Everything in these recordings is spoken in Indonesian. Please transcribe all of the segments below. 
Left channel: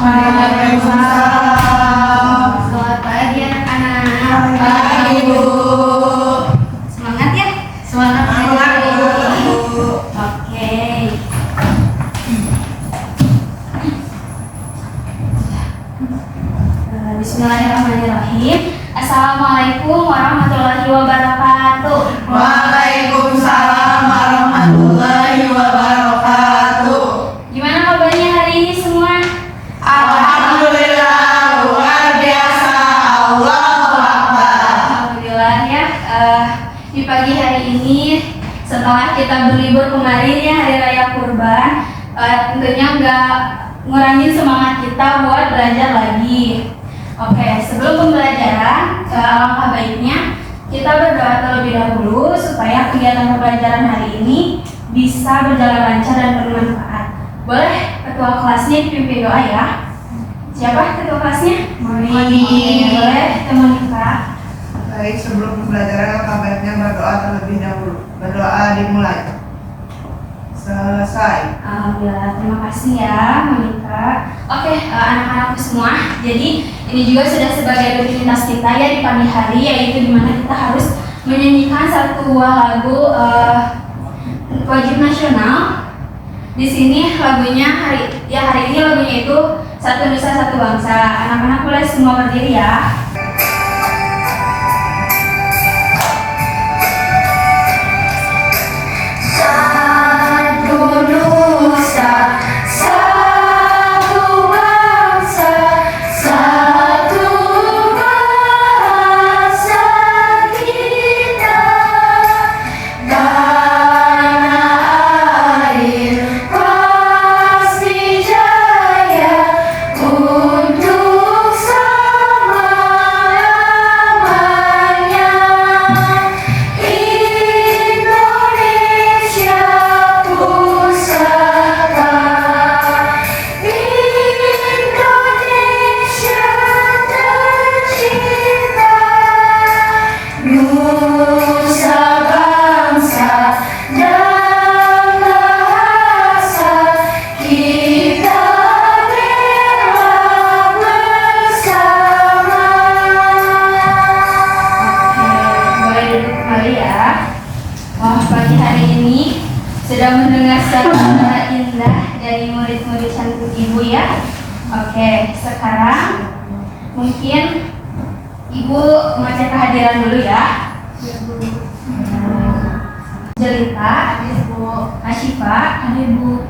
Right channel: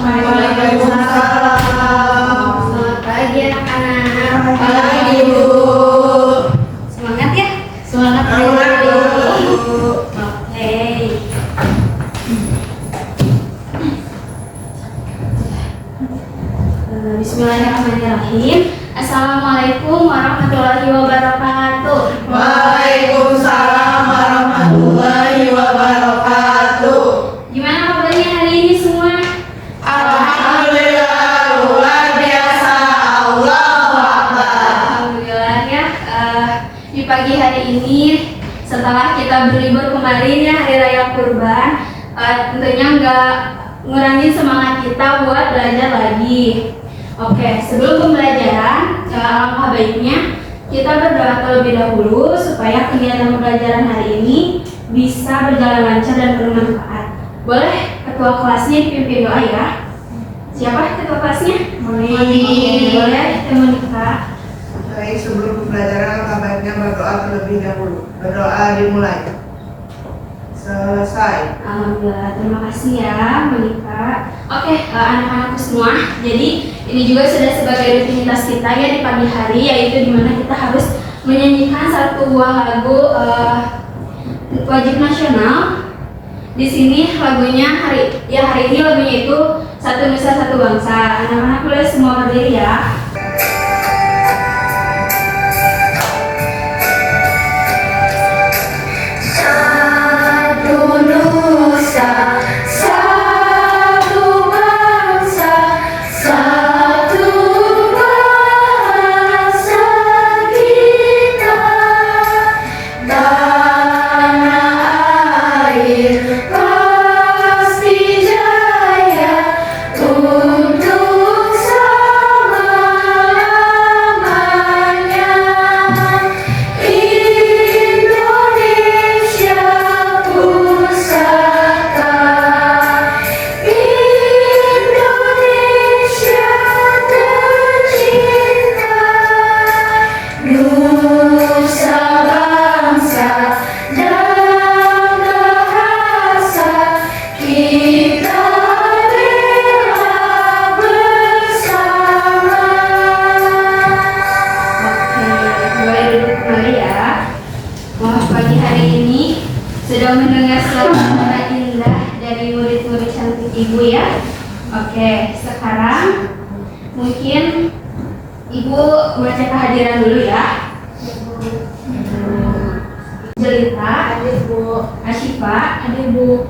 Waalaikumsalam. Selamat pagi anak-anak. Pagi, Bu. Semangat ya? Semangat, Bu. Oke. Bismillahirrahmanirrahim. Assalamualaikum warahmatullahi wabarakatuh. Waalaikumsalam warahmatullahi wabarakatuh. Gimana kabarnya hari ini semua? Alhamdulillah, luar biasa. Allahu Akbar. Alhamdulillah ya. Di pagi hari ini setelah kita berlibur kemarin ya hari raya Kurban, tentunya nggak ngurangin semangat kita buat belajar lagi. Oke, sebelum pembelajaran, alangkah baiknya kita berdoa terlebih dahulu supaya kegiatan pembelajaran hari ini bisa berjalan lancar dan bermanfaat. Boleh ketua kelasnya dipimpin doa ya? Siapa ketua kelasnya? Monik. Boleh, Teh Monika. Baik, sebelum pembelajaran alangkah baiknya berdoa terlebih dahulu. Berdoa dimulai. Selesai. Alhamdulillah, terima kasih ya Monika. Oke, anak-anakku semua, jadi ini juga sudah sebagai rutinitas kita ya di pagi hari, yaitu dimana kita harus menyanyikan satu buah lagu wajib nasional. Di sini lagunya hari ini lagunya itu Satu Nusa Satu Bangsa. Anak-anak boleh semua berdiri ya. Sudah mendengar suara indah dari murid-murid cantik Ibu ya. Oke, sekarang mungkin Ibu mau cek kehadiran dulu ya. Jelita, hadir Bu. Asyifa, hadir Bu.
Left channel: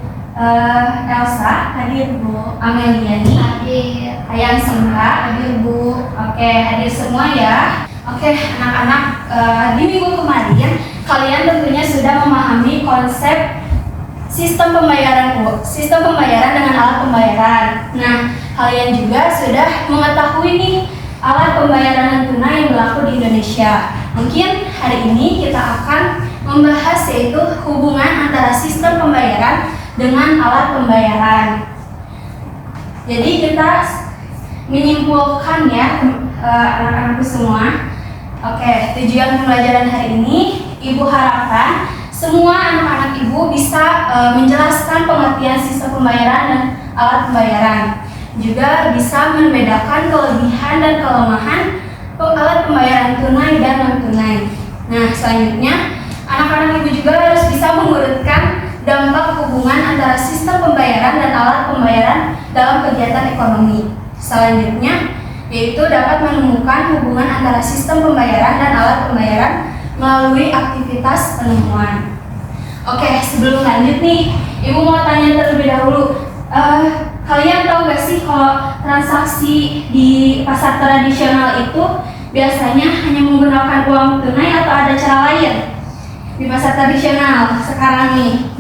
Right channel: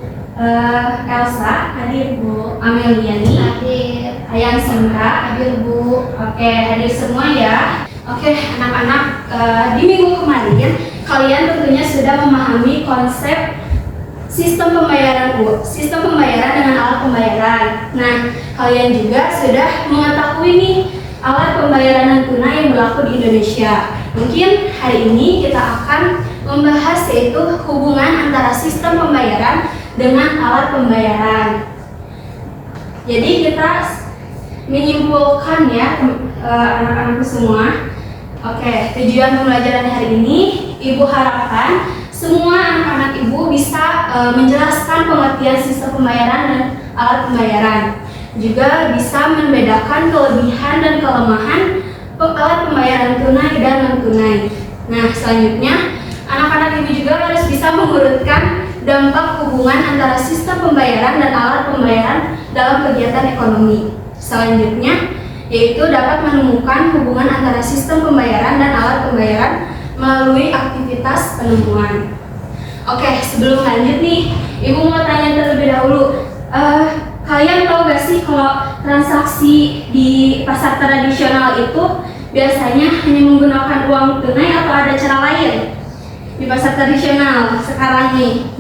Elsa, hadir Bu. Ameliani, hadir. Ayang Sinta, hadir Bu. Oke, hadir semua ya. Oke, anak-anak, di minggu kemarin kalian tentunya sudah memahami konsep sistem pembayaran dengan alat pembayaran. Nah, kalian juga sudah mengetahui nih alat pembayaran non tunai yang berlaku di Indonesia. Mungkin hari ini kita akan membahas yaitu hubungan antara sistem pembayaran dengan alat pembayaran. Jadi kita menyimpulkan ya anak-anakku semua. Oke, tujuan pembelajaran hari ini Ibu harapkan semua anak-anak Ibu bisa menjelaskan pengertian sistem pembayaran dan alat pembayaran. Juga bisa membedakan kelebihan dan kelemahan alat pembayaran tunai dan non-tunai. Nah, selanjutnya anak-anak Ibu juga harus bisa mengurutkan dampak hubungan antara sistem pembayaran dan alat pembayaran dalam kegiatan ekonomi. Selanjutnya yaitu dapat menemukan hubungan antara sistem pembayaran dan alat pembayaran melalui aktivitas penemuan. Oke, sebelum lanjut nih, Ibu mau tanya terlebih dahulu. Kalian tahu gak sih kalau transaksi di pasar tradisional itu biasanya hanya menggunakan uang tunai atau ada cara lain? Di pasar tradisional sekarang nih,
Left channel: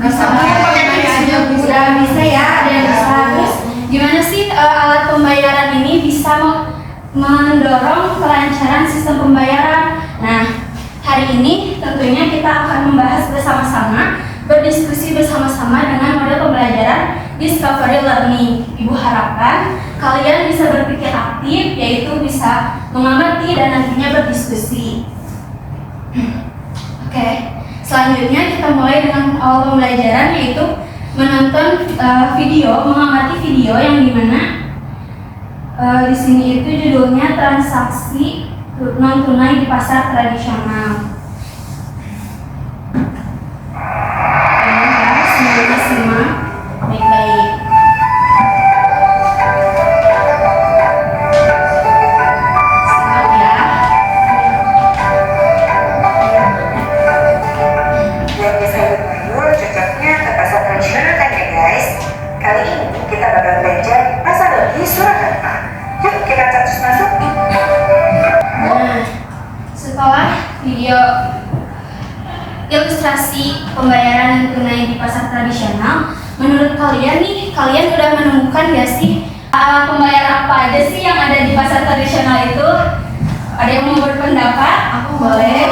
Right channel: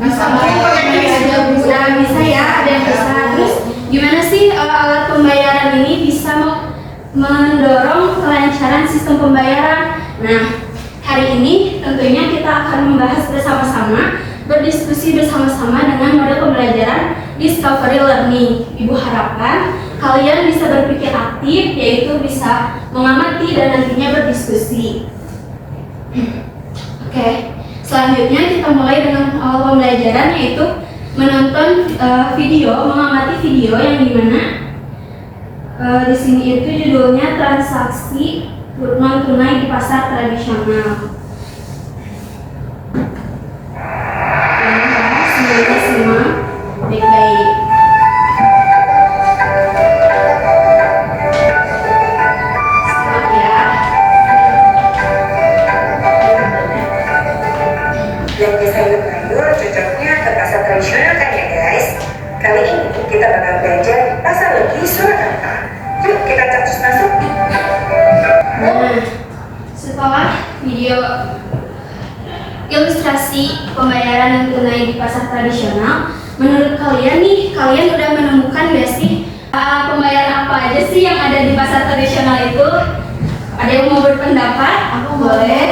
sudah bisa ya, ada yang bisa. Terus gimana sih alat pembayaran ini bisa mendorong kelancaran sistem pembayaran? Nah, hari ini tentunya kita akan membahas bersama-sama, berdiskusi bersama-sama dengan model pembelajaran Discovery Learning. Ibu harapkan kalian bisa berpikir aktif, yaitu bisa mengamati dan nantinya berdiskusi. Oke, selanjutnya kita mulai dengan awal pembelajaran, yaitu menonton video, mengamati video yang dimana Di sini itu judulnya transaksi non tunai di pasar tradisional. Semoga simak baik-baik. Simak ya. Belanja sayur mayur cocoknya ke pasar tradisional kan ya guys? Kali ini kita bakal belanja di pasar Legi Surakarta. Yuk kita cus masuk. Nah, setelah video ilustrasi pembayaran non tunai di pasar tradisional, menurut kalian nih, kalian udah menemukan gak sih pembayaran apa aja sih yang ada di pasar tradisional itu? Ada yang mau berpendapat? Aku boleh.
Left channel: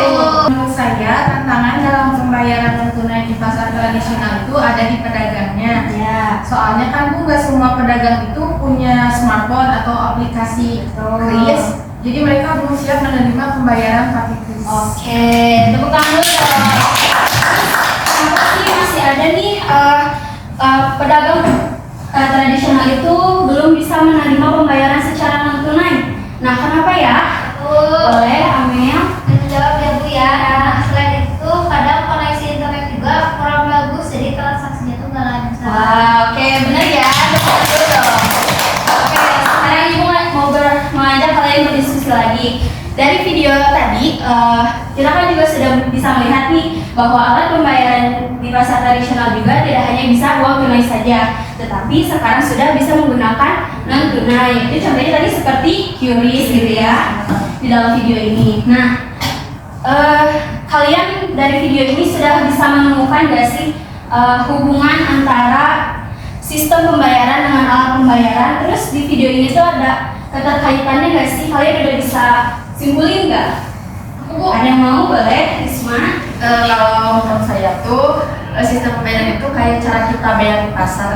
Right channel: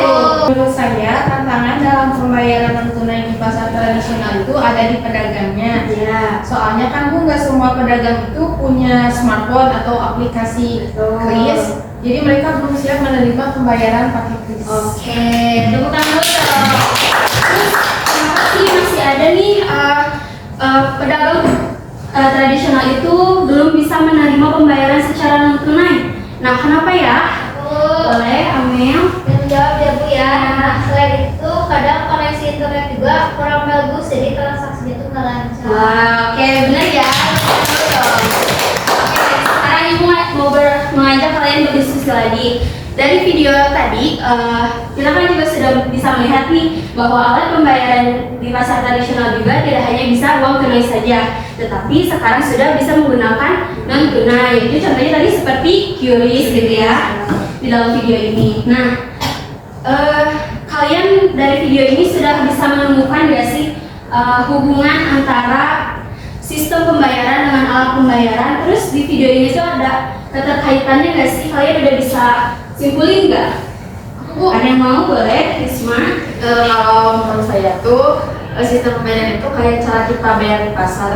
Menurut saya, tantangan dalam pembayaran non tunai di pasar tradisional itu ada di pedagangnya. Ya. Soalnya kan Bu, nggak semua pedagang itu punya smartphone atau aplikasi kris. Jadi mereka belum siap menerima pembayaran pakai kris. Oke, tepuk tangan dulu dong. Terus, kenapa sih masih ada nih pedagang tradisional itu belum bisa menerima pembayaran secara non tunai? Nah, kenapa ya? Boleh, Amel? Menjawab ya Bu ya. Nah, selain itu kadang koneksi internet juga kurang bagus, jadi transaksinya itu nggak lancar. Wah, oke, benar ya. Betul dong. Oke, sekarang Ibu mau ngajak kalian berdiskusi lagi. Dari video tadi, kita kan juga sudah bisa melihat nih bahwa alat pembayaran di pasar tradisional juga tidak hanya bisa uang tunai saja, tetapi sekarang sudah bisa menggunakan non tunai. Itu contohnya tadi seperti QRIS gitu ya di dalam video ini. Nah, kalian dari video ini sudah bisa menemukan gak sih hubungan antara sistem pembayaran dengan alat pembayaran? Terus di video ini tuh ada keterkaitannya gak sih? Kalian udah bisa simpulin nggak? Ada yang mau? Boleh, Risma? Kalau menurut saya tuh sistem pembayaran itu kayak cara kita bayar di pasar.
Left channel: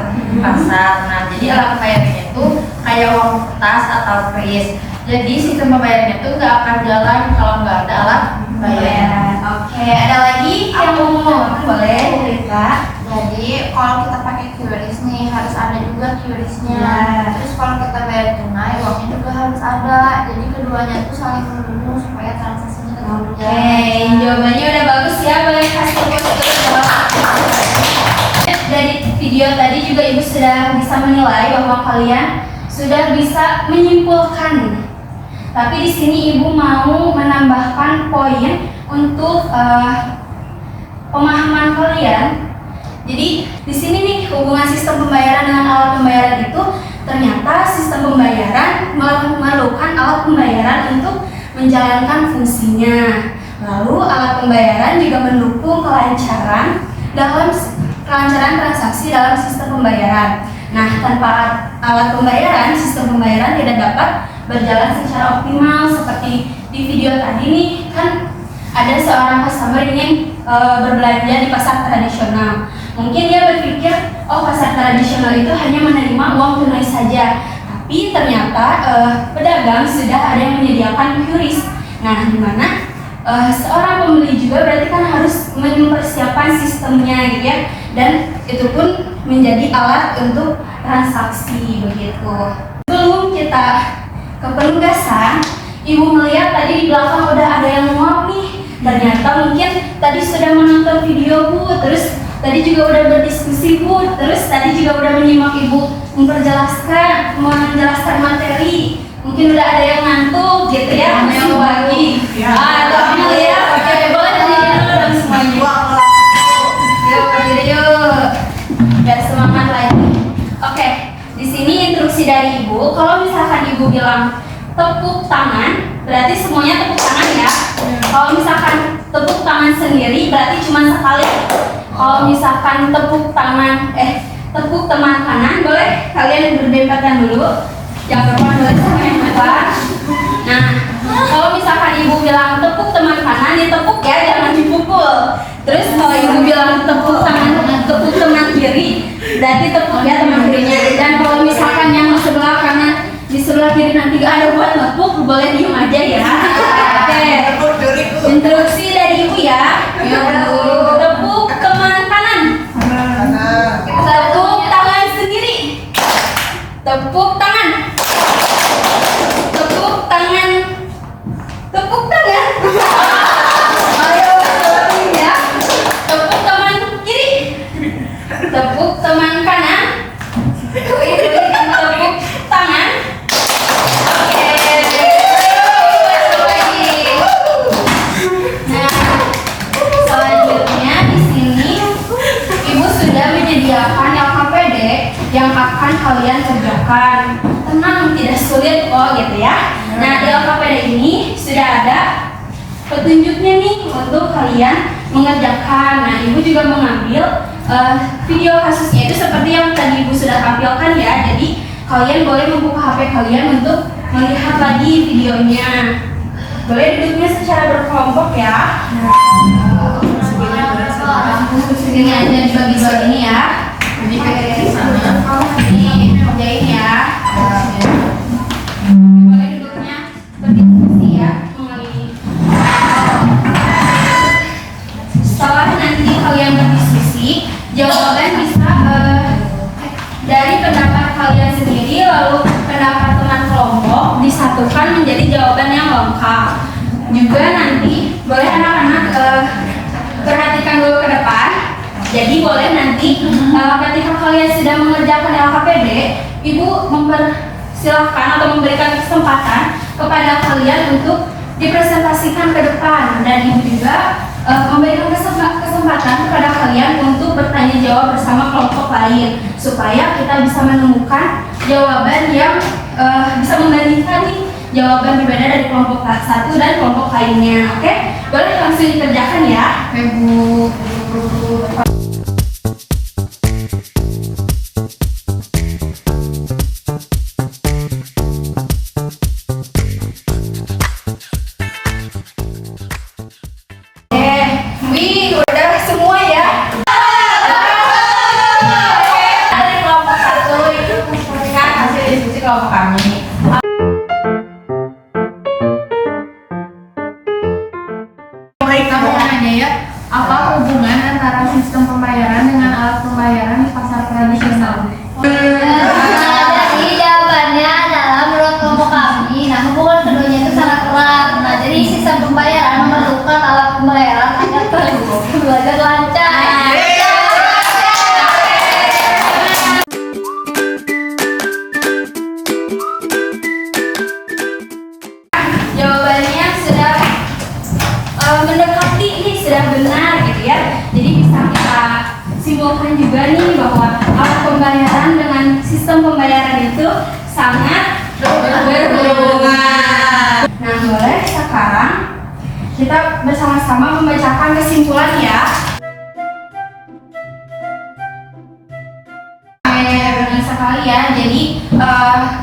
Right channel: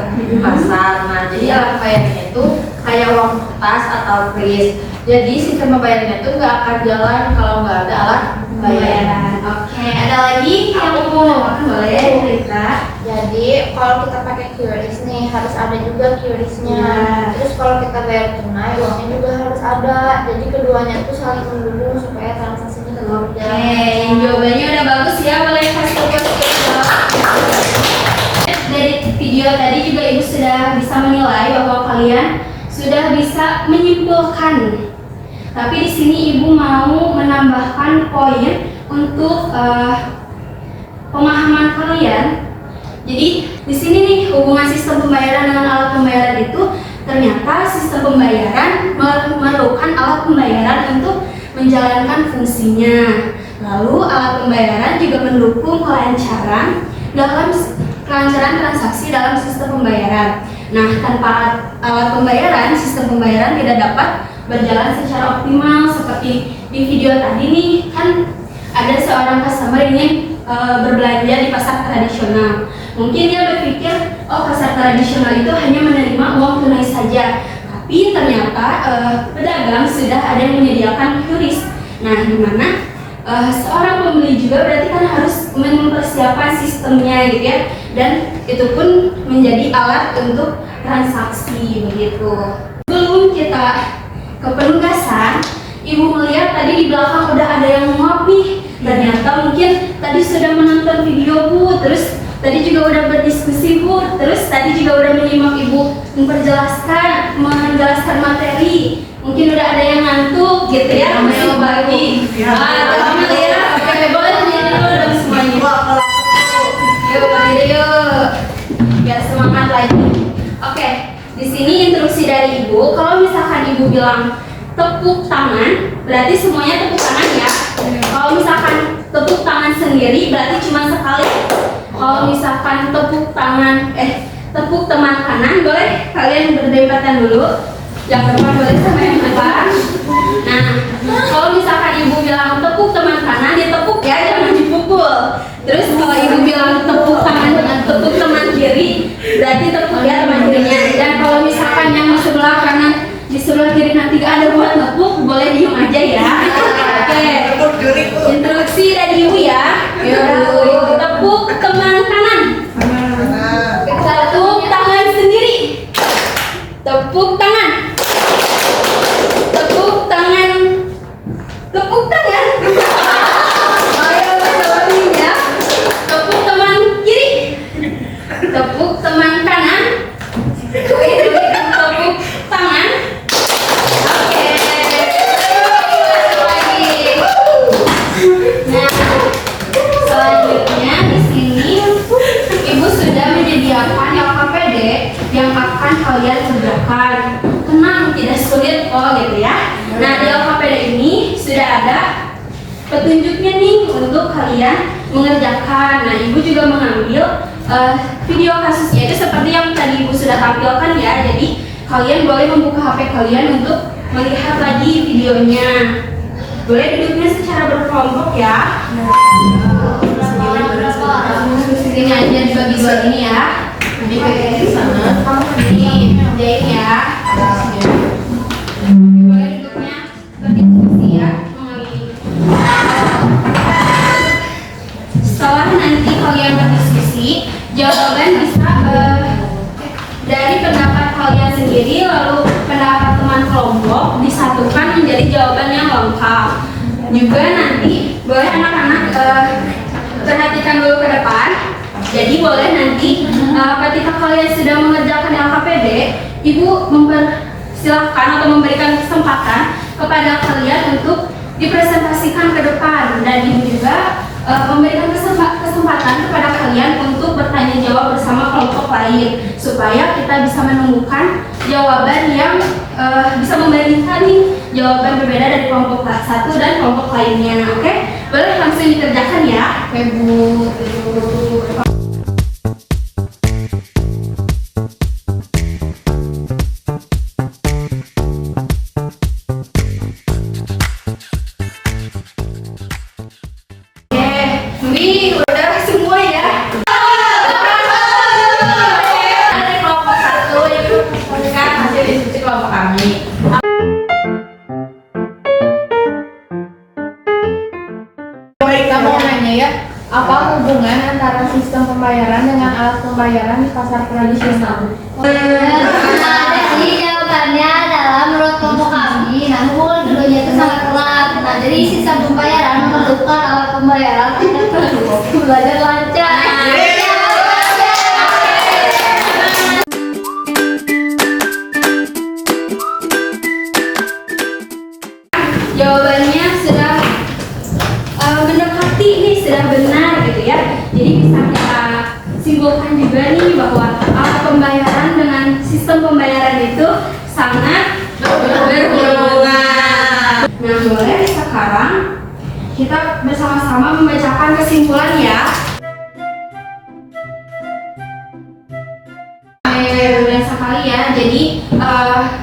Nah, jadi alat pembayarannya itu kayak uang kertas atau kris. Jadi sistem pembayarannya itu nggak akan jalan kalau nggak ada alat pembayaran. Oke, ada lagi yang mau ngomong? Boleh, cerita. Jadi kalau kita pakai QRIS nih harus ada juga QRIS-nya. Ya. Terus kalau kita bayar tunai uangnya juga harus ada. Jadi keduanya itu saling terhubung supaya transaksinya tetap Oke, berjalan. jawabannya udah bagus ya. Boleh kasih jawab. Dari video tadi juga Ibu sudah bisa menilai bahwa kalian sudah bisa menyimpulkan. Tapi di sini Ibu mau menambahkan poin untuk pemahaman kalian. Jadi di sini nih hubungan sistem pembayaran dengan alat pembayaran itu ternyata sistem pembayaran memerlukan alat pembayaran untuk menjalankan fungsinya. Lalu alat pembayaran juga mendukung kelancaran transaksi dalam sistem pembayaran. Nah, tanpa alat pembayaran, sistem pembayaran tidak dapat berjalan secara optimal. Seperti di video tadi nih, kan ada seorang customer ingin berbelanja di pasar tradisional. Mungkin dia berpikir, oh pasar tradisional itu hanya menerima uang tunai saja. Tapi ternyata pedagang sudah ada yang menyediakan QRIS. Nah, di mana seorang pembeli juga berarti kan harus mempersiapkan sistemnya gitu ya. Dan itu pun menjadi alat untuk transaksi begitu. Sebelum kita ke penugasan, Ibu melihat tadi di belakang udah ada yang nguap nih. Ternyata mungkin tadi sudah menonton video Bu, terus tadi juga udah berdiskusi Bu, terus tadi juga udah menyimak Ibu menjelaskan materi. Mungkin udah ada yang ngantuk gitu ya, masih pagi. Amel ya, oke boleh berdiri dulu dong semuanya. Yuk berdiri yuk, biar semangat lagi. Oke, di sini instruksi dari Ibu. Kalau misalkan Ibu bilang tepuk tangan, berarti semuanya tepuk tangan ya. Kalau misalkan tepuk tangan sendiri, berarti cuma sekali. Kalau misalkan tepuk teman kanan, boleh kalian berdempatan dulu. Yang depan boleh sama yang depan. Nah, kalau misalkan Ibu bilang tepuk teman kanan, ditepuk ya, jangan dipukul. Terus kalau Ibu bilang tepuk teman kiri, berarti tepuk ya teman kirinya. Dan kalau misalkan yang di sebelah kanan, di sebelah kiri nanti gak ada buat nepuk, boleh diem aja ya. Oke, instruksi dari Ibu ya. Yuk, tepuk teman kanan. Tepuk tangan sendiri. Tepuk tangan. teman kanan. Tepuk tangan. Oke. Nah, selanjutnya di sini Ibu sudah menyediakan LKPD yang akan kalian kerjakan. Tenang, tidak sulit kok gitu ya. Nah, di LKPD ini sudah ada petunjuknya nih untuk kalian mengerjakan. Nah, Ibu juga mengambil video kasusnya itu seperti yang tadi Ibu sudah tampilkan ya. Jadi kalian boleh membuka HP kalian untuk melihat lagi videonya. Boleh duduknya secara berkelompok ya. Ini aja dibagi dua ini ya. Jadi ke sana. Kamu ini kerjain ya. Boleh duduknya berdiskusi ya. Setelah nanti kalian berdiskusi, jawaban bisa dari pendapat kalian sendiri lalu pendapat teman kelompok disatukan menjadi jawaban yang lengkap. Juga nanti boleh anak-anak perhatikan dulu ke depan. Jadi boleh nanti ketika kalian sudah mengerjakan LKPD, Ibu mempersilahkan atau memberikan kesempatan kepada kalian untuk dipresentasikan ke depan, dan Ibu juga memberikan kesempatan kepada kalian untuk bertanya jawab bersama kelompok lain supaya kita bisa menemukan jawaban yang bisa membandingkan nih jawaban berbeda dari kelompok satu dan kelompok lainnya. Oke, boleh langsung dikerjakan ya, Ibu. Kamu nanya ya, apa hubungan antara sistem pembayaran dengan alat pembayaran di pasar tradisional? Jadi jawabannya adalah menurut kelompok kami, nah hubungan keduanya itu sangat erat. Nah, jadi sistem pembayaran memerlukan alat pembayaran agar belajar lancar. Jawabannya sudah mendekati nih, sudah benar gitu ya. Jadi bisa kita simpulkan juga nih bahwa alat pembayaran dengan sistem pembayaran itu sangat berhubungan. Nah, boleh sekarang kita bersama-sama membacakan kesimpulan ya. Benar sekali ya. Jadi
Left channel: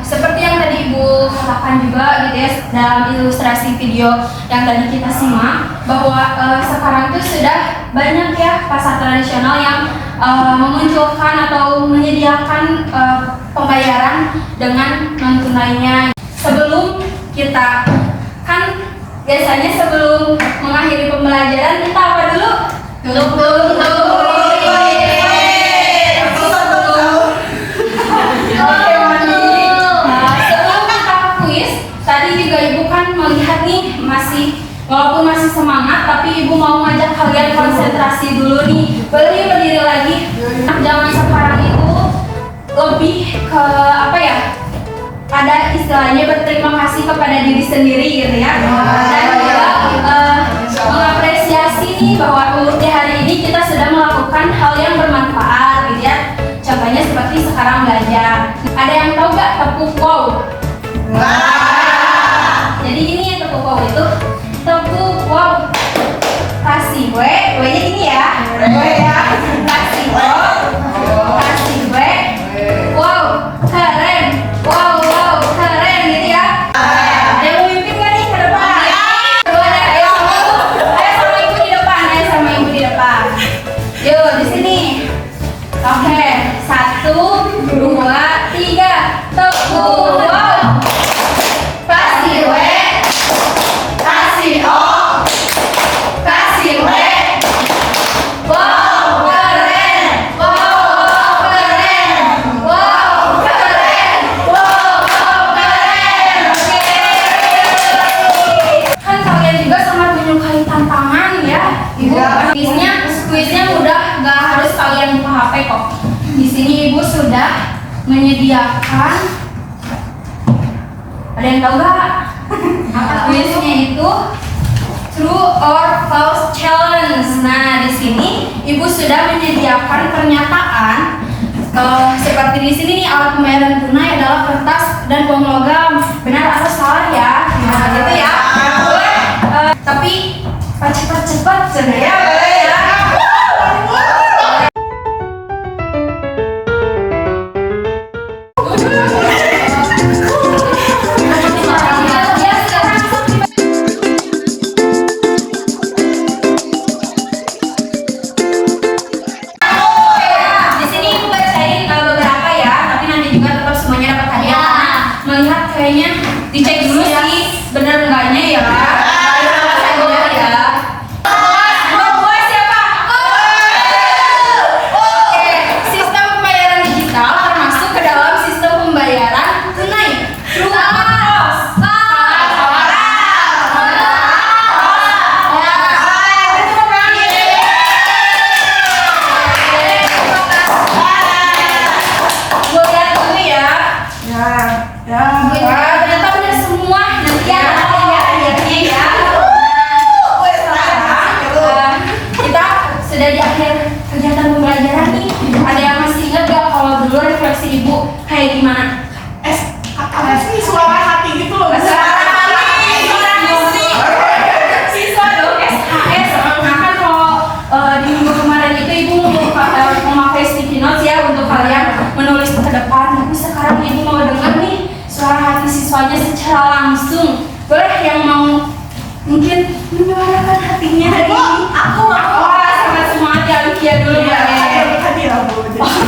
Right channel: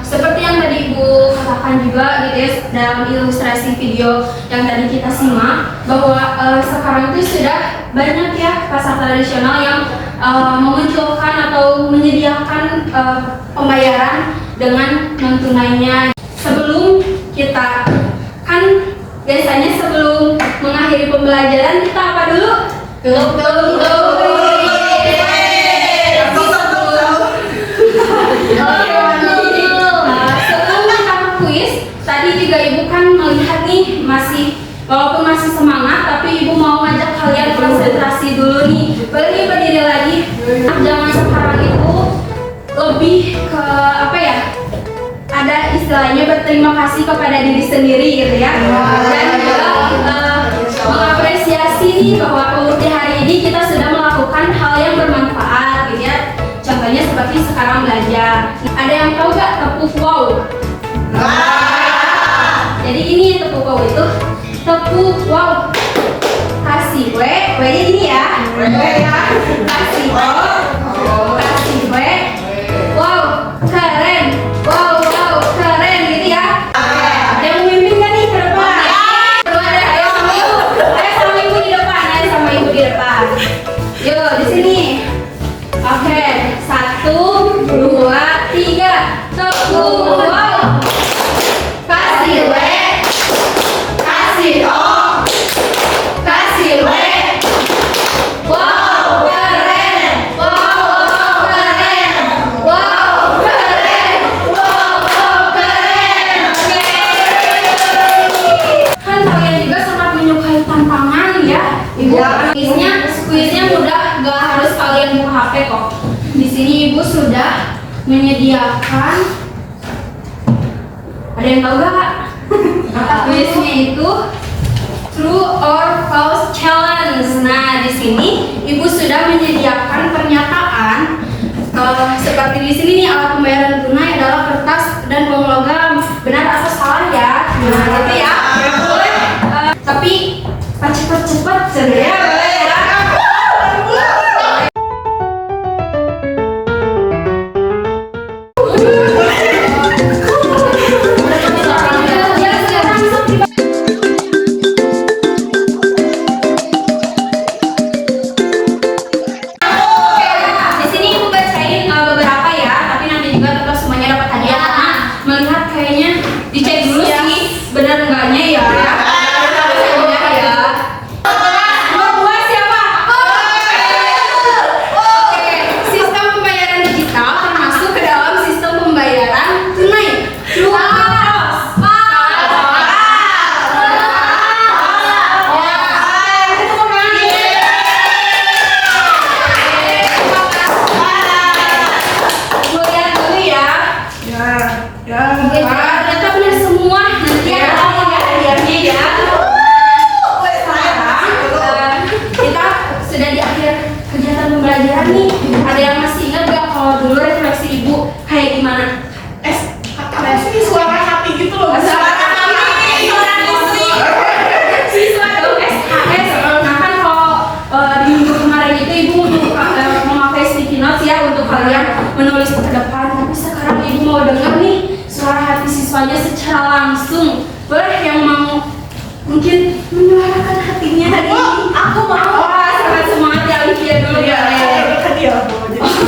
seperti yang tadi Ibu katakan juga gitu ya dalam ilustrasi video yang tadi kita simak, bahwa sekarang itu sudah banyak ya pasar tradisional yang memunculkan atau menyediakan pembayaran dengan non tunainya. Sebelum kita kan biasanya sebelum mengakhiri pembelajaran kita apa dulu? Sebelum kita ke kuis, tadi juga Ibu kan melihat nih walaupun masih semangat, tapi Ibu mau ngajak kalian konsentrasi dulu nih. Boleh nih berdiri lagi. Zaman sekarang itu lebih ke apa ya? Ada istilahnya berterima kasih kepada diri sendiri gitu ya. Dan juga mengapresiasi nih bahwa di hari ini kita sudah melakukan hal yang bermanfaat gitu ya. Contohnya seperti sekarang belajar. Ada yang tahu gak tepuk wow? Jadi ini tepuk wow itu tepuk wow. Kasih W-nya ini ya. Kasih wow. Kasih W. Wow, keren. Wow, keren gitu ya. Ada yang memimpin gak nih ke depan? Ayo sama Ibu. Ayo sama Ibu di depan. Yuk, di sini. Oke, 1, 2, 3, tepuk wow. Kasih W, kasih O, kasih W. Wow, keren. Wow, keren. Ibu sudah menyediakan, ada yang tahu gak? Kuisnya itu True or False Challenge. Nah, di sini Ibu sudah menyediakan pernyataan seperti di sini nih, alat pembayaran tunai adalah kertas dan uang logam. Benar atau salah ya? Nah, gitu ya. Boleh. Tapi cepat-cepat sebenarnya boleh ya. Di sini Ibu bacain beberapa ya, tapi nanti juga tetap semuanya dapat hadiah karena melihat kayaknya dicek dulu sih benar enggaknya ya. Sistem pembayaran digital termasuk ke dalam sistem pembayaran tunai. True or false? Boleh dulu ya. Ternyata benar semua. Nanti ada hadiahnya ya. Kita sudah di akhir kegiatan pembelajaran nih. Ada yang masih ingat gak kalau dulu refleksi Ibu kayak gimana? Suara hati gitu loh. Siswa dong SKS. Nah kan kalau di minggu kemarin itu Ibu memakai sticky notes ya untuk kalian menulis ke depan. Tapi sekarang Ibu mau dengar nih suara hati siswanya secara langsung. Boleh yang mau mungkin menyuarakan hatinya hari ini? Aku mau. Wah, sangat semangat ya Olivia dulu ya.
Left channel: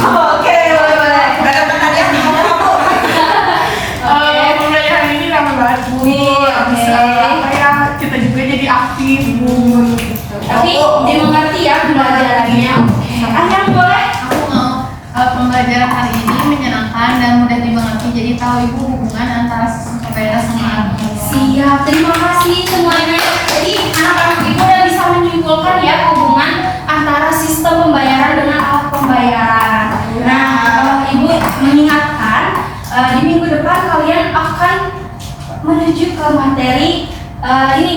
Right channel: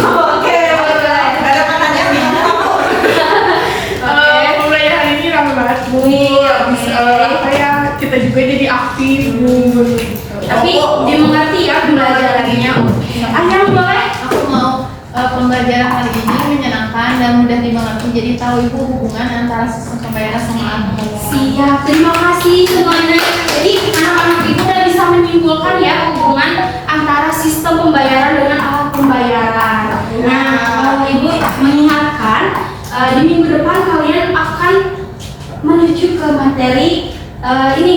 Oke, boleh. Ada pertanyaan nih kamu. Mulai hari ini rame banget Bu. Oke. Kayak kita juga jadi aktif Bu. Tapi dimengerti ya pembelajarannya. Oke. Ayang boleh? Aku mau pembelajaran hari ini menyenangkan dan mudah dimengerti, jadi tahu Ibu hubungan antara sistem pembayaran sama alat pembayaran. Siap, terima kasih semuanya. Jadi anak-anak Ibu udah bisa menyimpulkan ya hubungan antara sistem pembayaran dengan alat pembayaran. Nah, Ibu mengingatkan di minggu depan kalian akan menuju ke materi ini,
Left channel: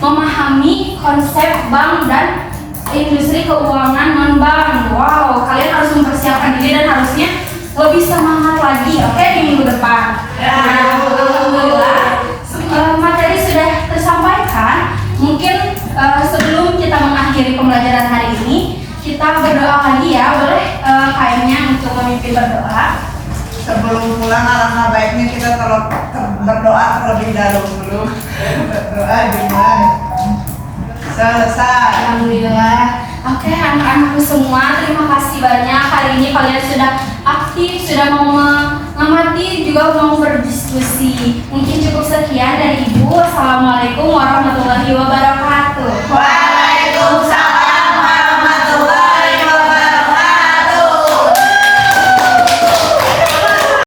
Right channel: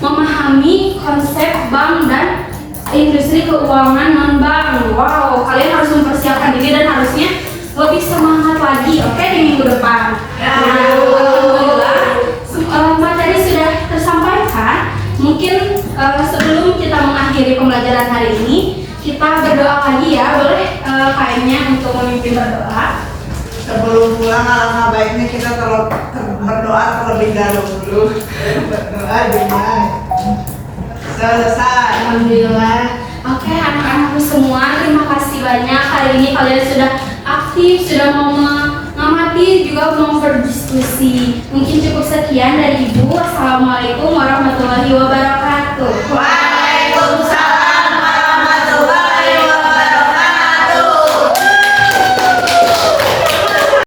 memahami konsep bank dan industri keuangan non-bank. Wow, kalian harus mempersiapkan diri dan harusnya lebih semangat lagi, oke, di minggu depan. Nah, alhamdulillah materi sudah tersampaikan. Mungkin sebelum kita mengakhiri pembelajaran hari ini, kita berdoa lagi ya. Boleh kayaknya untuk memimpin berdoa. Sebelum pulang alangkah baiknya kita berdoa terlebih dahulu. Berdoa gimana? Selesai. Alhamdulillah. Oke, anak-anakku semua, terima kasih banyak. Hari ini kalian sudah aktif, sudah mau mengamati, juga mau berdiskusi. Mungkin cukup sekian dari Ibu. Assalamualaikum warahmatullahi wabarakatuh.